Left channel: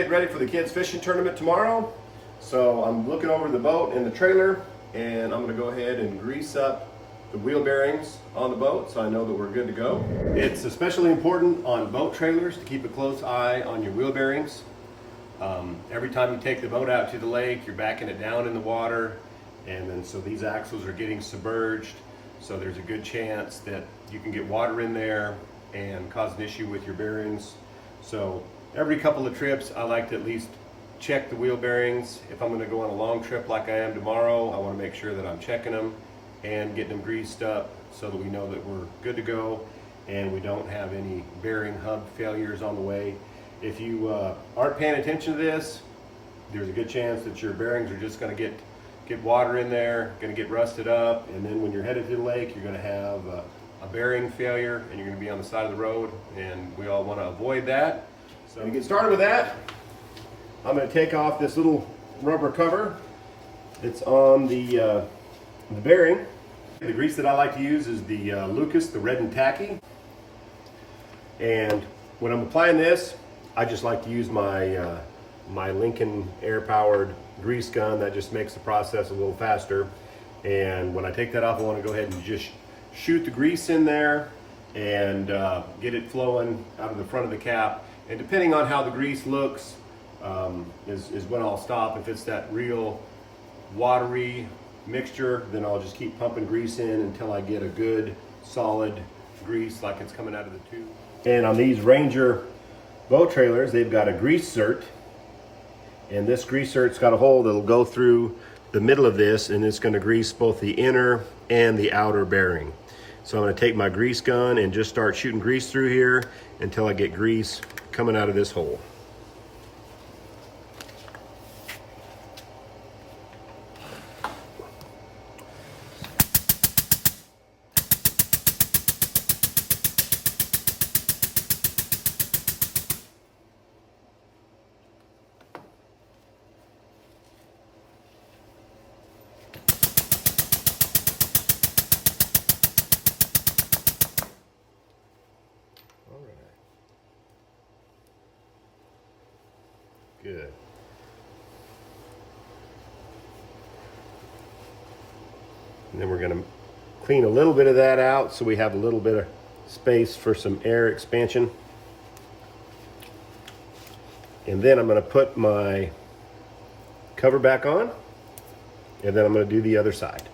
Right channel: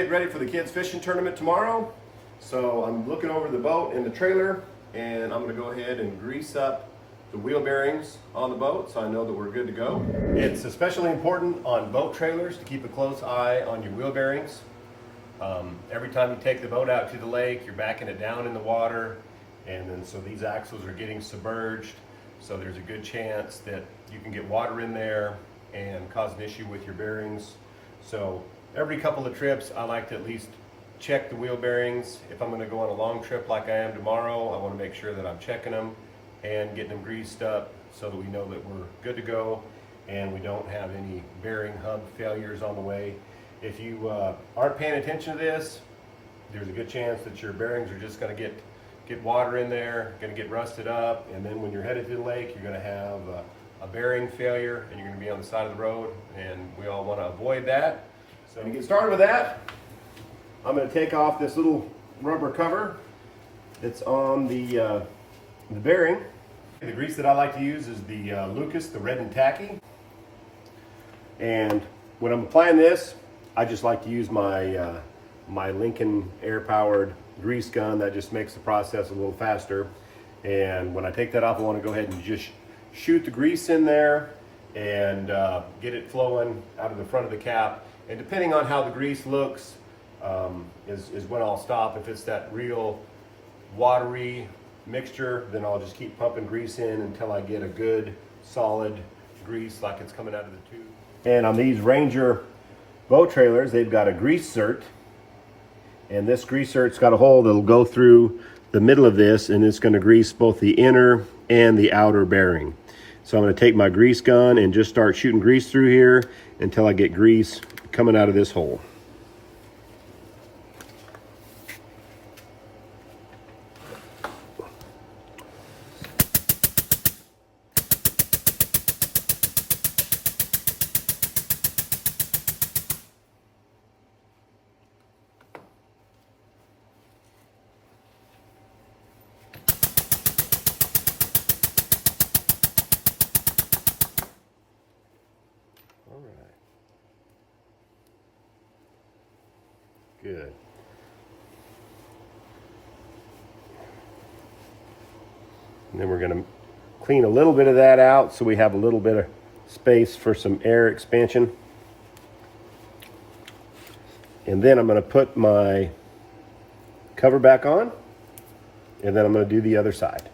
Get ready for the kids fishing tournament tomorrow. So I'm looking over the boat and the trailer, and I'm gonna go ahead and grease up the wheel bearings on the boat so I know that we're good to go. It's especially important on boat trailers to keep a close eye on your wheel bearings. Every time you take the boat out to the lake, you're backing it down in the water, and then so these axles are getting submerged, so there's a good chance that you can get water in there and cause an issue with your bearings. So every couple of trips I like to at least check the wheel bearings. If I'm going to go on a long trip like I am tomorrow, I want to make sure that I'm checking them and getting them greased up so that we know that we're good to go and we don't have any bearing hub failures on the way. If you aren't paying attention to this, there's a good chance that your bearings are just going to get water in there, going to get rusted up, and then when you're headed to the lake, you're going to have a bearing failure and you're going to be on the side of the road, and we all want to avoid that. So to get started with that, I'm going to take off this little rubber cover that's on the bearing. The grease that I like to use is the Lucas, the red and tacky. And when I'm applying this, I just like to use my my Lincoln air-powered grease gun. That just makes the process a little faster. And when I take that off, I want to go ahead and just shoot the grease in there and get it flowing out of the front of the cap. And depending on how the grease looks is when I'll stop. If it's that real watery mixture, then I'll just keep pumping grease in until I get a good solid grease like it's coming out of the tube. And on these Ranger boat trailers, they've got a grease cert, and this grease cert's got a hole that'll go through the middle of this, and it's going to grease both the inner and the outer bearing. So I'm going to take my grease gun and just start shooting grease through here until I get grease coming out of this hole. Good. And then we're going to clean a little bit of that out so we have a little bit of space for some air expansion. And then I'm going to put my cover back on, and then I'm going to do the other side.